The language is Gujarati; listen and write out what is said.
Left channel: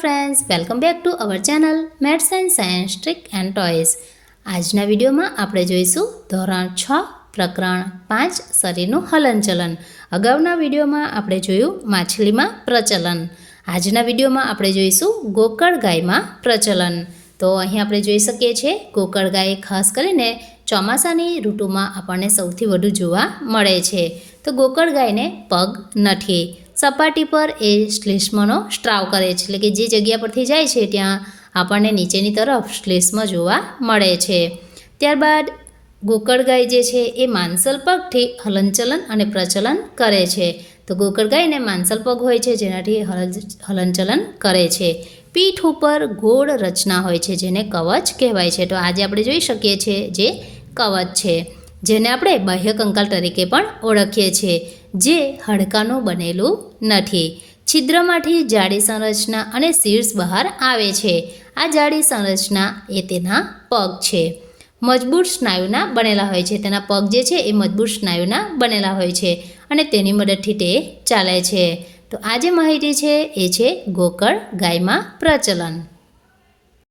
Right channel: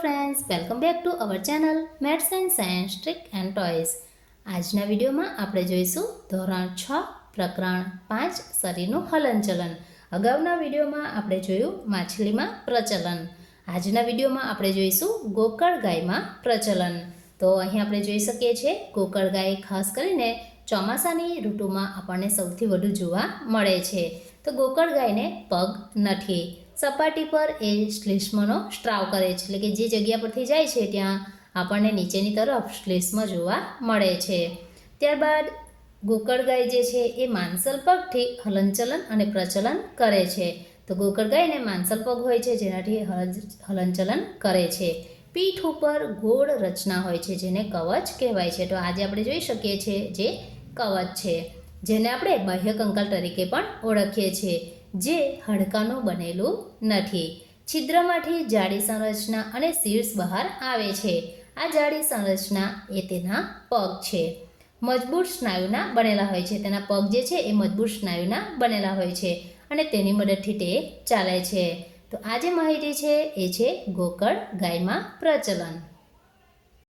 Friends, welcome back to our channel maths and science trick and toys. આજના વિડીયોમાં આપણે જોઈશું ધોરણ 6 પ્રકરણ 5 શરીરનું હલનચલન। અગાઉના વિડીયોમાં આપણે જોયું માછલીમાં પ્રચલન। આજના વિડીયોમાં આપણે જોઈશું ગોકળ ગાયમાં પ્રચલન। તો અહીં આપણે જોઈ શકીએ છીએ ગોકળ ગાય ખાસ કરીને ચોમાસાની ઋતુમાં આપણને સૌથી વધુ જોવા મળે છે। તો ગોકળ ગાયને પગ નથી, સપાટી પર એ શ્લેષ્મનો સ્ત્રાવ કરે છે, એટલે કે જે જગ્યા પરથી જાય છે ત્યાં આપણને નીચેની તરફ શ્લેષ્મ જોવા મળે છે। ત્યારબાદ ગોકળ ગાય જે છે એ માંસલ પગથી હલનચલન અને પ્રચલન કરે છે। તો ગોકળ ગાયને માંસલ પગ હોય છે જેનાથી હલનચલન કરે છે। પીઠ ઉપર ગોળ રચના હોય છે જેને કવચ કહેવાય છે। તો આજે આપણે જોઈ શકીએ છીએ જે કવચ છે, જેને આપણે બાહ્ય કંકાલ તરીકે પણ ઓળખીએ છીએ, જે હાડકાનું બનેલું નથી। છિદ્રમાંથી જાડી સંરચના અને શીર્ષ બહાર આવે છે। આ જાડી સંરચના એ તેના પગ છે। મજબૂત સ્નાયુના બનેલા હોય છે, તેના પગ જે છે એ મજબૂત સ્નાયુના બનેલા હોય છે અને તેની મદદથી તે ચાલે છે। તો આ જે માહિતી છે એ છે ગોકળ ગાયમાં પ્રચલન।